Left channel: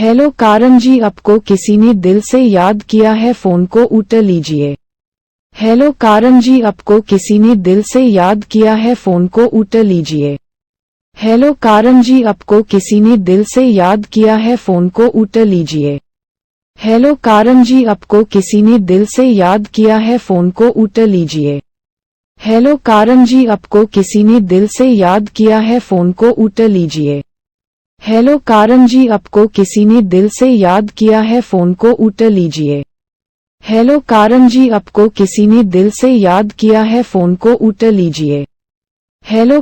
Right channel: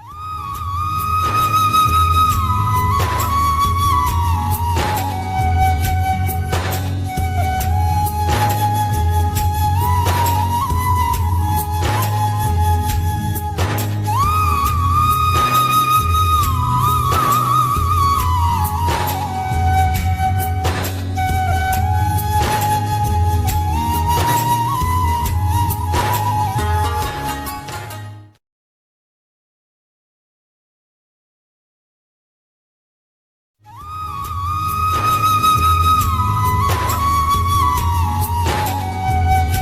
Hello कारण जी, आपको किसी ने दिल से याद किया है, फोन को उठा लीजिए। हेलो कारण जी, आपको किसी ने दिल से याद किया है, फोन को उठा लीजिए। हेलो कारण जी, आपको किसी ने दिल से याद किया है, फोन को उठा लीजिए। हेलो कारण जी, आपको किसी ने दिल से याद किया है, फोन को उठा लीजिए। हेलो कारण जी, आपको किसी ने दिल से याद किया है, फोन को उठा लीजिए। हेलो कारण जी, आपको किसी ने दिल से याद किया है, फोन को उठा लीजिए। हेलो कारण जी, आपको किसी ने दिल से याद किया है, फोन को उठा लीजिए। हेलो